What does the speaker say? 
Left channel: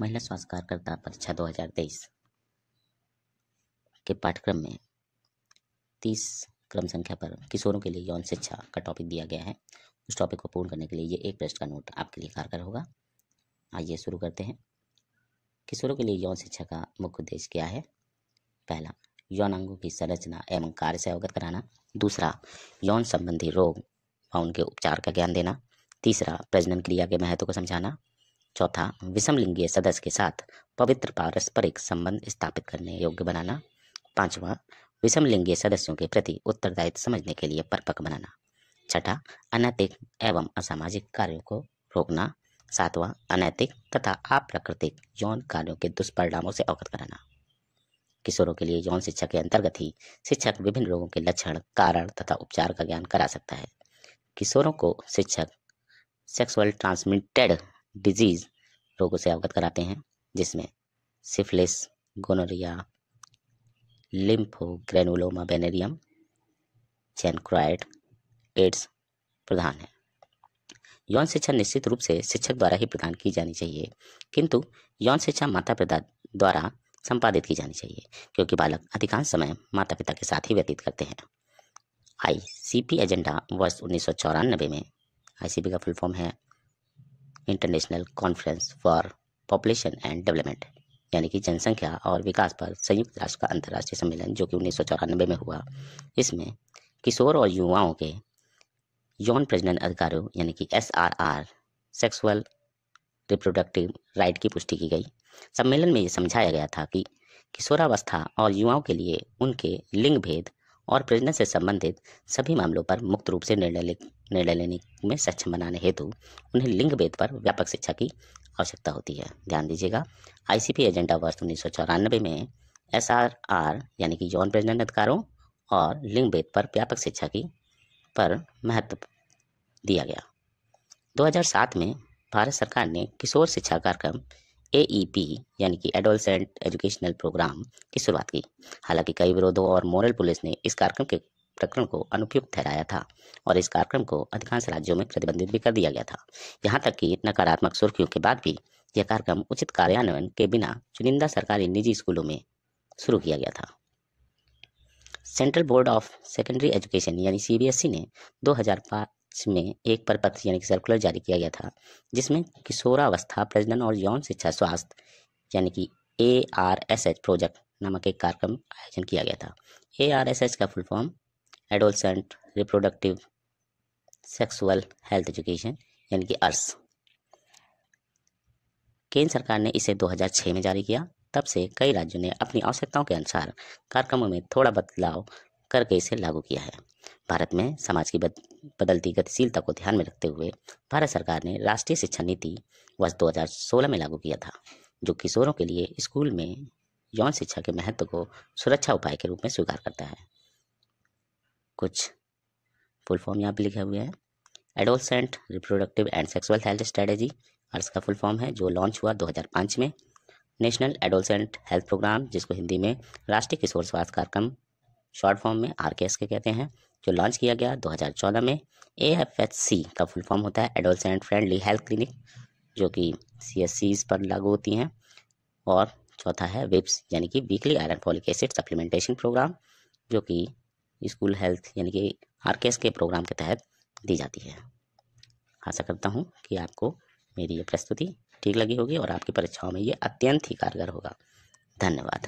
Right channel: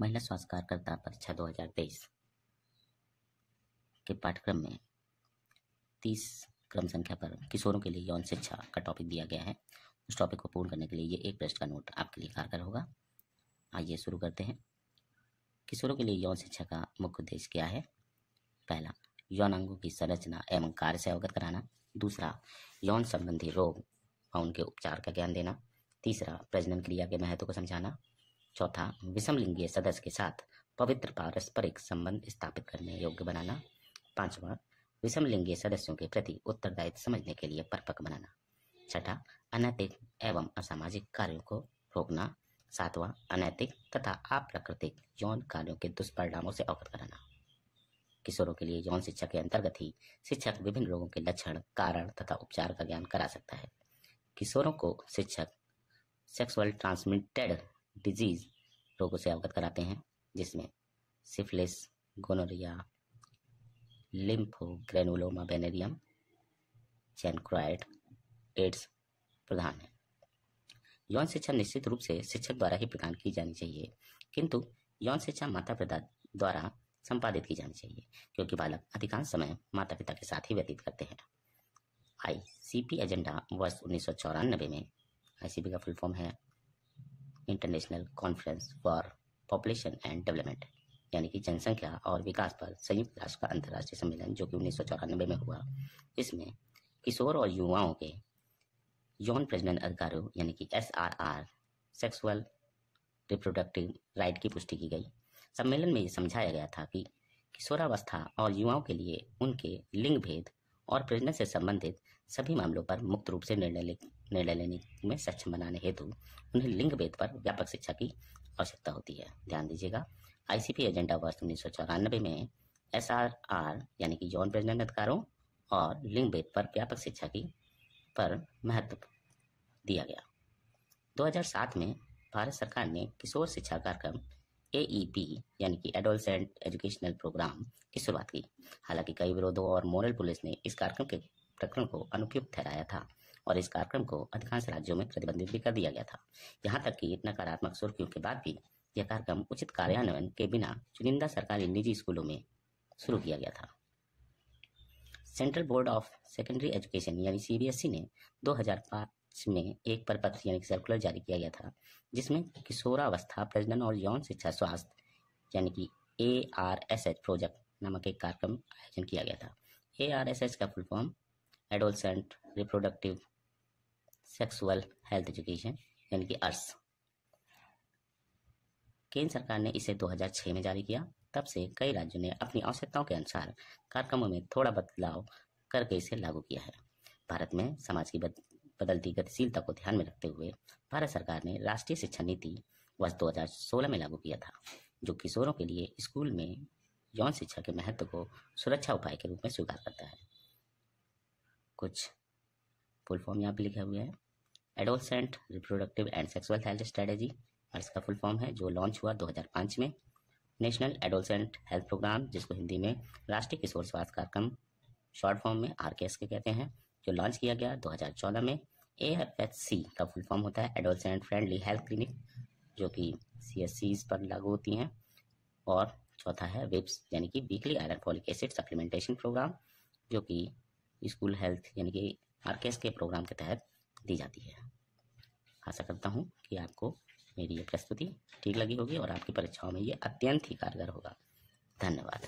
महिला स्वास्थ्य कार्यकर्ता परीक्षा 2023 के पाठ्यक्रम में 30 क्रम संख्या पर किशोरों के लिए यौन शिक्षा का टॉपिक दिया गया है। उस टॉपिक को पूर्ण करने के लिए ये एक पृष्ठ का नोट आपके लिए कारगर होगा। आइए शुरू करते हैं। किशोरों के लिए यौन शिक्षा का मुख्य उद्देश्य क्या है? पहला, यौनांगों की संरचना एवं कार्य से अवगत कराना। दूसरा, यौन संबंधी रोग व उनके उपचार का ज्ञान देना। तीसरा, प्रजनन क्रिया के महत्व को समझाना। चौथा, विषम लिंगीय सदस्य के साथ पवित्र पारस्परिक संबंध स्थापित करने योग्य बनाना। पांचवा, विषम लिंगीय सदस्यों के प्रति उत्तरदायित्व समझने के लिए परिपक्व बनाना। छठा, अनैतिक एवं असामाजिक कार्यों को रोकना। सातवां, अनैतिक तथा अप्राकृतिक यौन कार्यों के दुष्परिणामों से अवगत कराना। किशोरों के लिए यौन शिक्षा के अंतर्गत ही शिक्षक विभिन्न रोगों के लक्षण, कारण तथा उपचार का ज्ञान करा सकता है। किशोरों को शिक्षक सेक्सुअल ट्रांसमिटेड डिजीज रोगों से अवगत कराते हैं, जिसमें सिफिलिस, गोनोरिया, लिम्फोग्रेनुलोमा वेनेरियम, चैनक्राइड, एड्स प्रधान है। यौन शिक्षा निश्चित रूप से शिक्षक द्वारा ही प्रदान की जानी चाहिए, किंतु यौन शिक्षा माता पिता द्वारा संपादित की जानी चाहिए, क्योंकि बालक अधिकांश समय माता पिता के साथ ही व्यतीत करते हैं। ICP एजेंडा वर्ष 1994 में, ICP का फुल फॉर्म है international conference for population and development, यानी कि जनसंख्या और विकास पर संयुक्त राष्ट्र का अंतर्राष्ट्रीय सम्मेलन, जो कि 1994 में हुआ। इसमें किशोर और युवाओं के यौन प्रजनन अधिकारों यानी कि SRR, सेक्सुअल रिप्रोडक्टिव राइट की पुष्टि की गई। सम्मेलन में ये समझाया गया था कि किशोरावस्था और युवाओं के लिए उनके लिंग भेद और प्रजनन से संबंधित सभी मामलों पर मुक्त रूप से निर्णय लेने में सक्षम बनाने हेतु उन्हें लिंग भेद पर व्यापक शिक्षा की आवश्यकता होती है। ध्यान दीजिएगा, ICP एजेंडा वर्ष 1994 में SRR यानी कि यौन प्रजनन अधिकारों और लिंग भेद पर व्यापक शिक्षा की पर महत्व दिया गया। 2007 में भारत सरकार ने किशोर शिक्षा कार्यक्रम AEP यानी कि एडोलसेंट एजुकेशनल प्रोग्राम की शुरुआत की। हालांकि कई विरोधों और मोरल पुलिस ने इस कार्यक्रम के प्रकरण को अनुपयुक्त ठहराया था और इस कार्यक्रम को अधिकांश राज्यों में प्रतिबंधित भी कर दिया गया था। यहाँ तक कि नकारात्मक सुर्खियों के बाद भी यह कार्यक्रम उचित कार्यान्वयन के बिना चुनिंदा सरकारी निजी स्कूलों में शुरू किया गया था। Central board of secondary education यानी CBSE ने 2005 में एक परिपत्र यानी कि सर्कुलर जारी किया गया था, जिसमें किशोरावस्था प्रजनन और यौन शिक्षा स्वास्थ्य यानी कि ARSH प्रोजेक्ट नामक एक कार्यक्रम आयोजन किया गया था। ARSH का full form adolescent reproductive sexual health education यानी कि ARS। केंद्र सरकार ने इसे 2006 में जारी किया। तब से कई राज्यों ने अपनी आवश्यकताओं के अनुसार कार्यक्रमों में थोड़ा बदलाव करके इसे लागू किया है। भारत में समाज की बदलती गतिशीलता को ध्यान में रखते हुए भारत सरकार ने राष्ट्रीय शिक्षा नीति वर्ष 2016 में लागू किया था, जो किशोरों के लिए स्कूल में यौन शिक्षा के महत्व को सुरक्षा उपाय के रूप में स्वीकार करता है। कुछ फुल फॉर्म यहाँ पे लिखे हुए हैं। Adolescent reproductive and sexual health strategy ARS का फुल फॉर्म है, जो लॉन्च हुआ 2005 में। नेशनल एडोलसेंट हेल्थ प्रोग्राम, जिसको हिंदी में राष्ट्रीय किशोर स्वास्थ्य कार्यक्रम शॉर्ट फॉर्म में RKS के कहते हैं, जो लॉन्च किया गया 2014 में। AFHC का फुल फॉर्म होता है एडोलसेंट फ्रेंडली हेल्थ क्लिनिक, जो कि CSCs पर लागू होती हैं। और चौथा है WIPS यानी कि weekly iron folic acid supplementation programme, जो कि स्कूल हेल्थ यानी कि RKS के प्रोग्राम के तहत दी जाती है। आशा करता हूँ कि आपको मेरी ये प्रस्तुति ठीक लगी होगी और आपकी परीक्षाओं में ये अत्यंत ही कारगर होगा। धन्यवाद।